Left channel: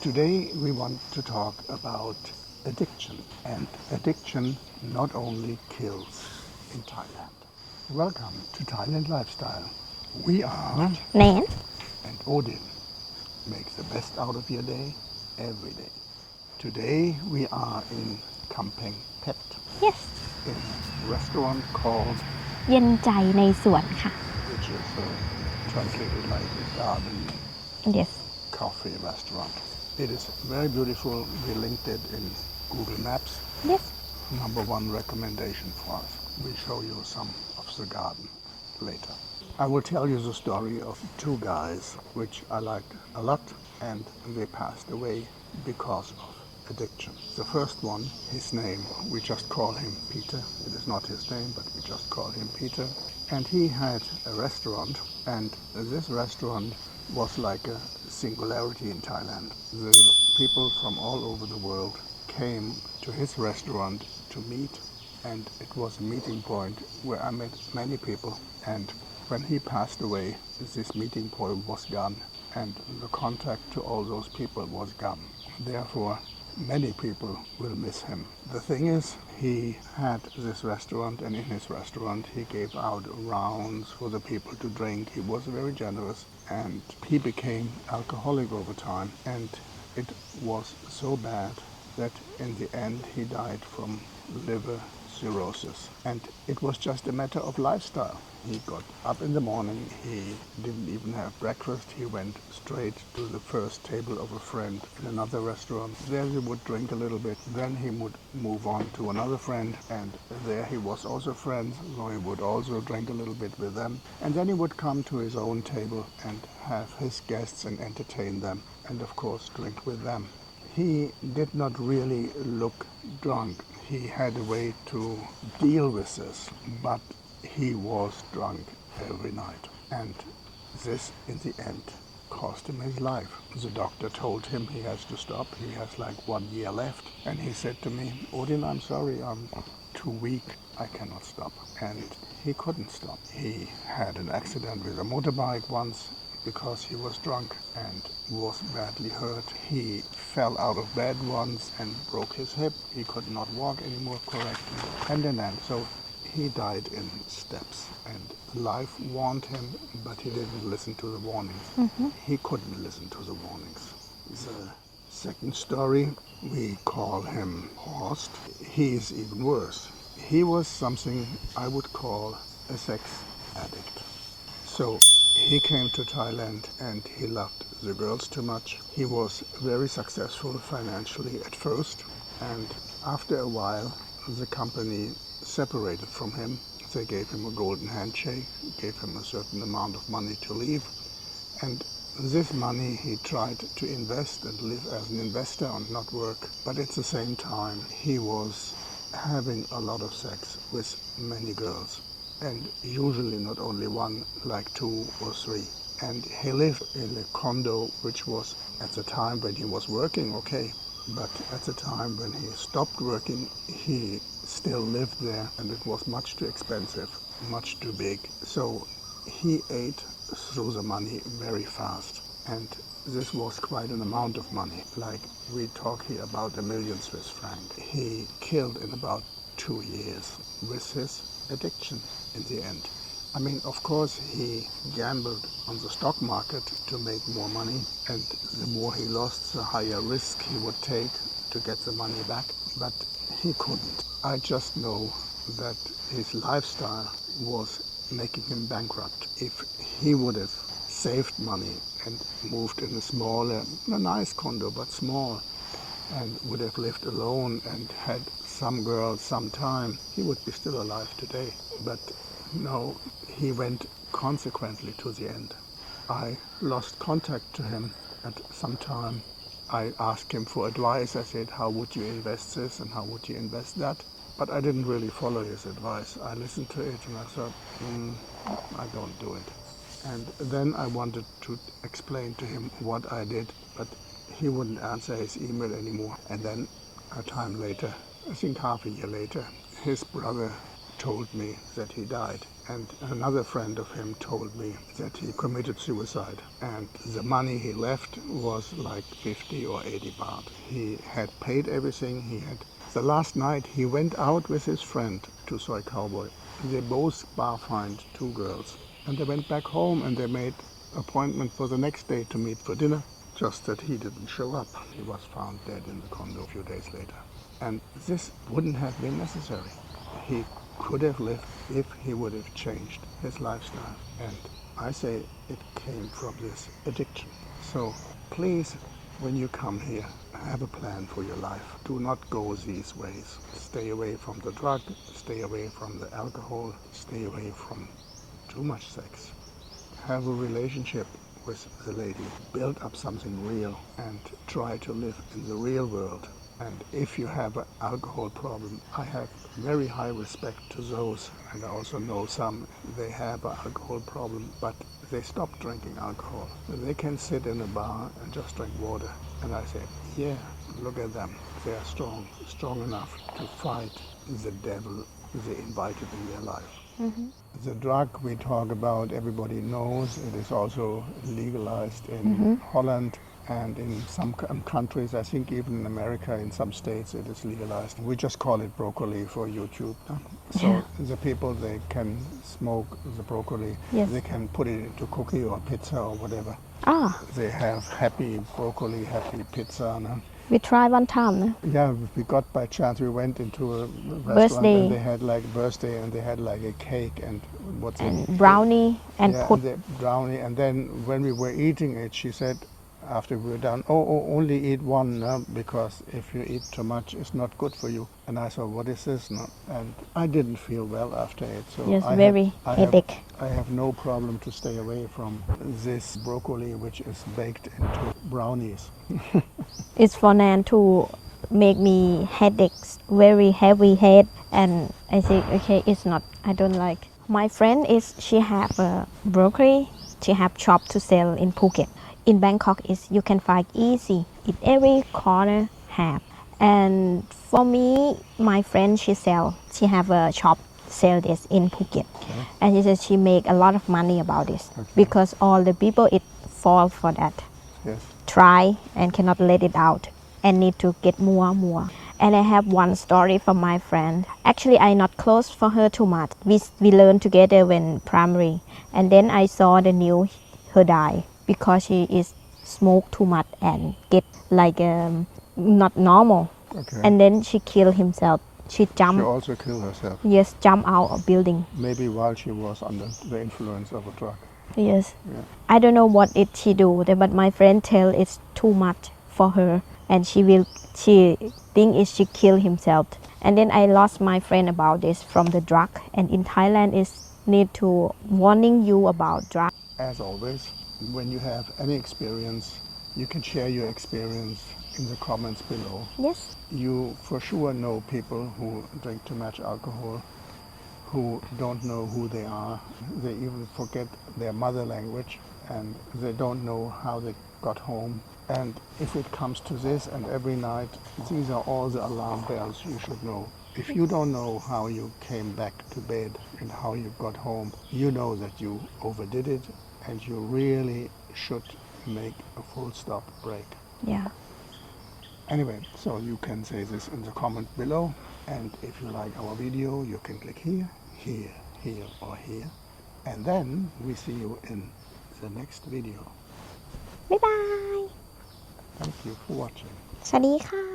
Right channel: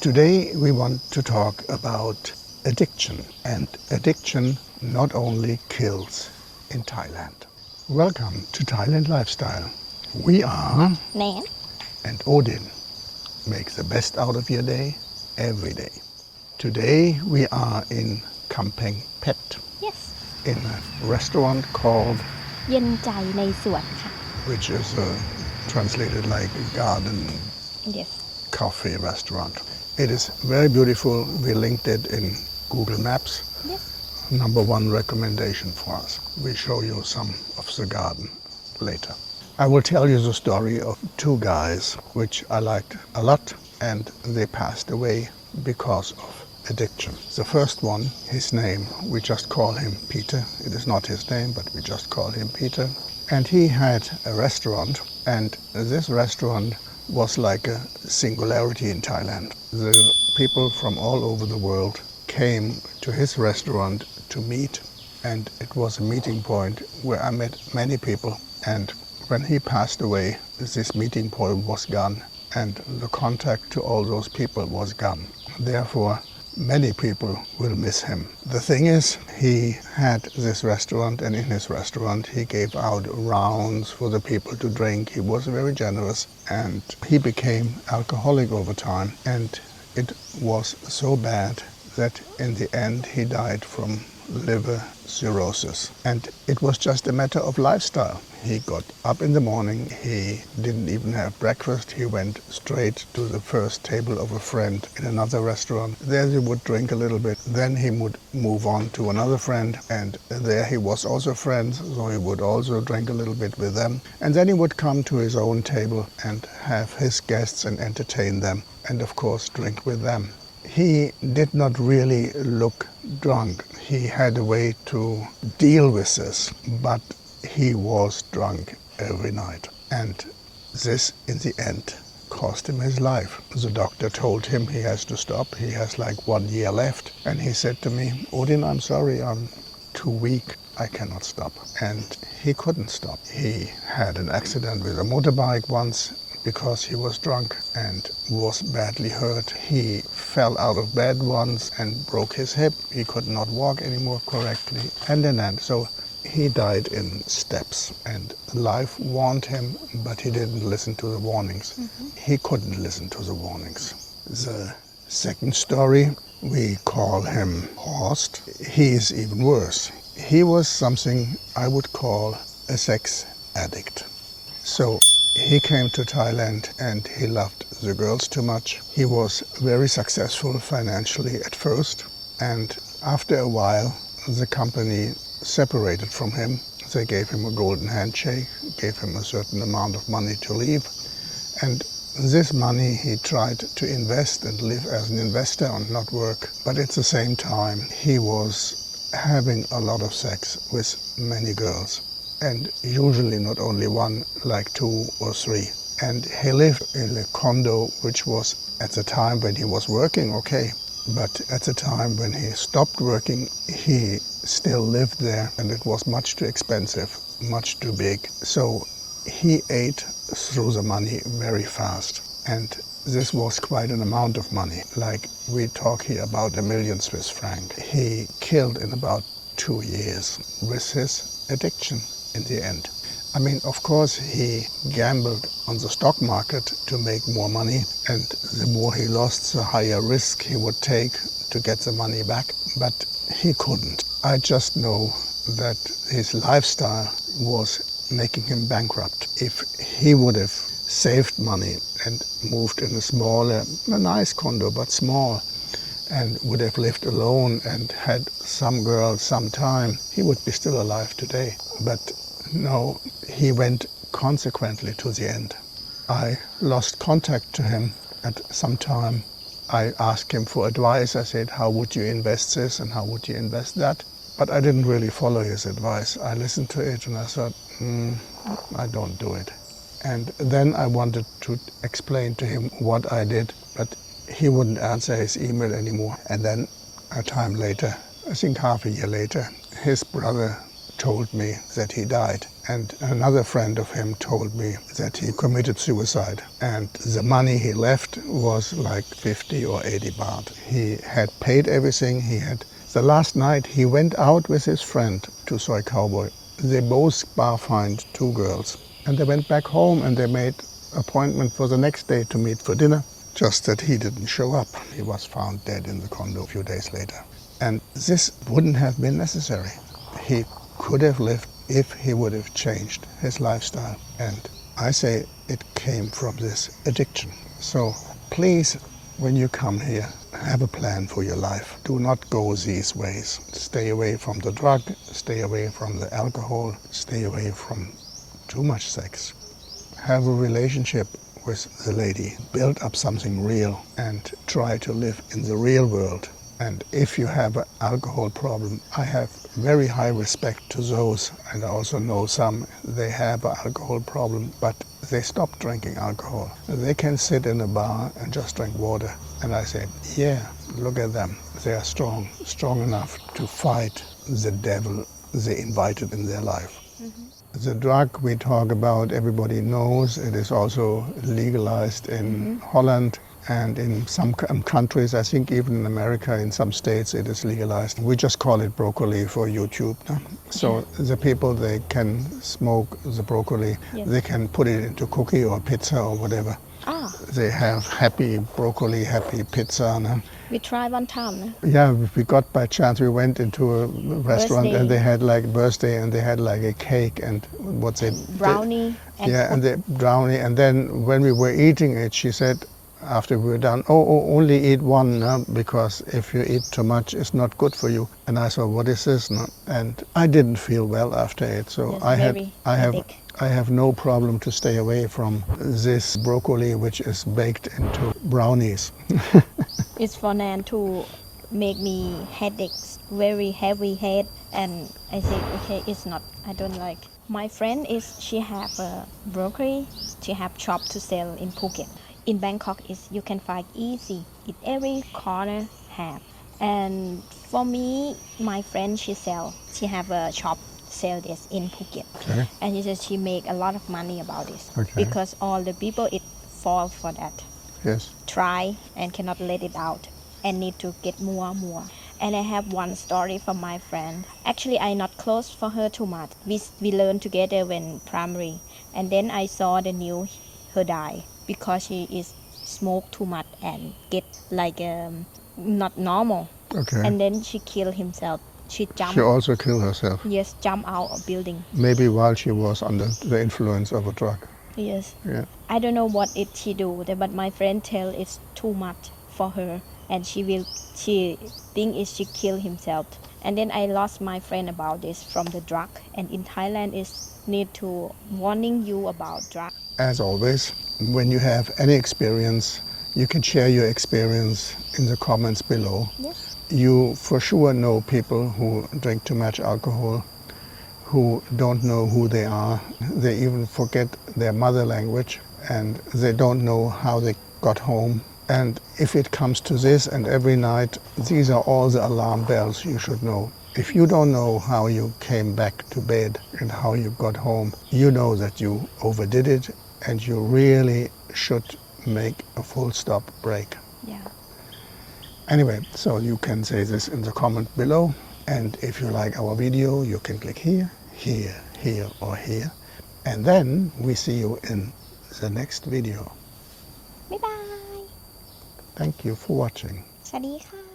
Today we want to talk about addiction, and addiction not only kills in Thailand. Welcome to Thailand Lifestyle. We are Nann and Odin. Make the best out of your day every day. Today we are in Kamphaeng Phet yes in a restaurant called, เย็นใจในสวนค่ะ which is translated like a garden yes cafe restaurant. It is very beautiful. We linked it in Google Maps. yes Number one recommendation for us. We show you some of the garden later. I will tell you the story of two guys which I liked a lot, and they passed away because of addiction. The first one, his name, we just call him Peter. It is not his name, but we just call him Peter. And he had a restaurant, and this restaurant was like a singularity in Thailand. The people from all over the world came to his restaurant to meet, and it was a meeting point where I met many people. And when he passed away, this meeting point was gone, and the contact to all those people was gone. Therefore, many people will miss him. The thing is, he had this restaurant, and in his restaurant he gave out rounds for the people to drink. He was very generous, and he became alcoholic over time, and it was so bad that in the end he died from liver cirrhosis. And it was just a matter of lifestyle. He got up in the morning, he didn't even have breakfast, he went straight to the first table of a friend in another restaurant. There he would drink a little bit, then he would move on to another friend, and there he was also friends, so he would also drink a little bit with them. And then he would come to his own table and have his guests and entertain them, and of course drink with them. He did not really look drunk. He had a way to deal with this, but he was drunk every night. And this, in the end, cost him his life. The doctor told him he has to stop. He has like 1 year left. And he said to me, Odin, I'm sorry, I'm too weak. I cannot stop. And he couldn't stop. He had an accident with a motorbike once, because he was drunk and was badly hurt. He fell out of bed once and broke his hip. He could not walk anymore correctly. And then, so he died in steps, and life warned him, but he didn't listen to the warnings. He couldn't listen to the warnings. The second story, we call him Horst. He is even worse. He was something I would call a sex addict. So he came to Thailand and he loved the girls too much. He was very successful financially at first, and after a while the company separated from him. They gave him a golden handshake, gave him a certain amount of money to leave, and this money he tried to invest and live as an investor and not work. But at the same time he was having a lot of sex with many girls, and usually not only one, like 2 or 3. And he lived in a condo which was, at the time when he was working, okay, but at the time when he stopped working, he still lived there, and it was much too expensive, much too big. So he ate through the money very fast, and this was quite an amount of money. Like, we talk here about 1 million Swiss franc. He killed in about 2 years with his addiction in the end. I mean, of course, he gambled on the stock market to make more money, and the more he lost, the higher risk he would take to get the money back, but he couldn't. I just know that his lifestyle was making him bankrupt. If he would have saved money and moved in a nice condo, but small, and would have lived alone and had some girl some time, he would be still alive today. But no, he went consequently to the end. I lost contact to him at some time. I asked him for advice. I said, how would you invest this and how would you invest that? But I didn't really follow his advice. I listened to it and I thought, I don't do it. And then I wanted to explain to him what I did, but he wouldn't answer his email anymore. And then a time later, I think half a year later, his brother told me that he died, and another friend of him told me that he committed suicide, and the money he left was like 50 or 80 baht. He had paid everything. The last night he went out with his friend to Soy Cowboy. They both bar-fined 2 girls, and they went back home and they made appointment for the next day to meet for dinner. Just that he didn't show up. He was found dead in the condo a few days later. And this wouldn't have been necessary. He could have lived if he would have changed his lifestyle. And I say it came from this addiction. So please, when you come here, have a plan for your life. Do not go these ways. Stay away from the drug, stay away from the alcohol, stay away from too much sex. Have a relationship with the lady. Build up something real and try to live in the real world. And if you have an alcohol problem, I have very high respect to those, and I also know some, they have an alcohol problem, but they stop drinking alcohol. They can sit in a bar and just drink water. And I say, yeah, look at them. They are strong enough to fight the devil they invited in their life. Mm-hmm. The drug we talk about, everybody knows. It is also legalized in Holland and in some countries. I think even in America, in some states, it is legalized. We just call it broccoli for YouTube. No? So the people, they can smoke the broccoli. Yes. They can put it into cookie or pizza or whatever. Ah. They have happy broccoli, happy pizza. No? We tried one time. No? Yeah, we got by chance. We went into a restaurant birthday. And they had like birthday and they had like a cake and what's it? Brownie and and the brownie. And then when we were eating it, she said, after we were done, only eat one, no? Because if you eat too much, it's not good for you. And I thought, what is this? No? And I didn't feel well after it. So yes, I have no problem to stay away from this broccoli, which is baked into brownies. It's for Nann to make me headaches, very heavy head. And I think, okay, it's not, I don't like. My friend she have a broccoli, she have shop to sell in Phuket. In Bangkok, you can find easy. In every corner have. And for me, my friend, she have a shop sell this in Phuket. Okay. And she said she make a lot of money about this. Okay. Because all the people, it fall for that. Yes. Try and cannot let it out and need to get more. And I have one story from my friend. Actually, I not close for her too much. We learned together when primary. And then I saw the news, her die. Because she is smoke too much and get like not normal. Okay. And then she killed herself. She also killed herself. Yes, jump out of building. Maybe while she was under the influence of a drug. Yes. Yeah. I don't know what she do, but my friend tell it's too much for her, and she think she killed herself. And then I lost my friend about this from the drug. And in Thailand, is need to warning you about drug. As always, when you have any experience, you can share your experience in the comments below. Yes. You for sure know people who drink too much alcohol, who don't know who they are. They even forget their mother language and they don't know how they got home. And if it comes to this, and every night, these are all the alarm bells you should know. If you don't know how you came back to bed and how you got home, you know that you overdid it and you really should make a full stop break. Yeah. Anyway, so you can say this in the comment below. And if you like our video, you can click here, here, here, or here. And then we see you in the next video. Bye bye. Thank you for watching. สวัสดีค่ะ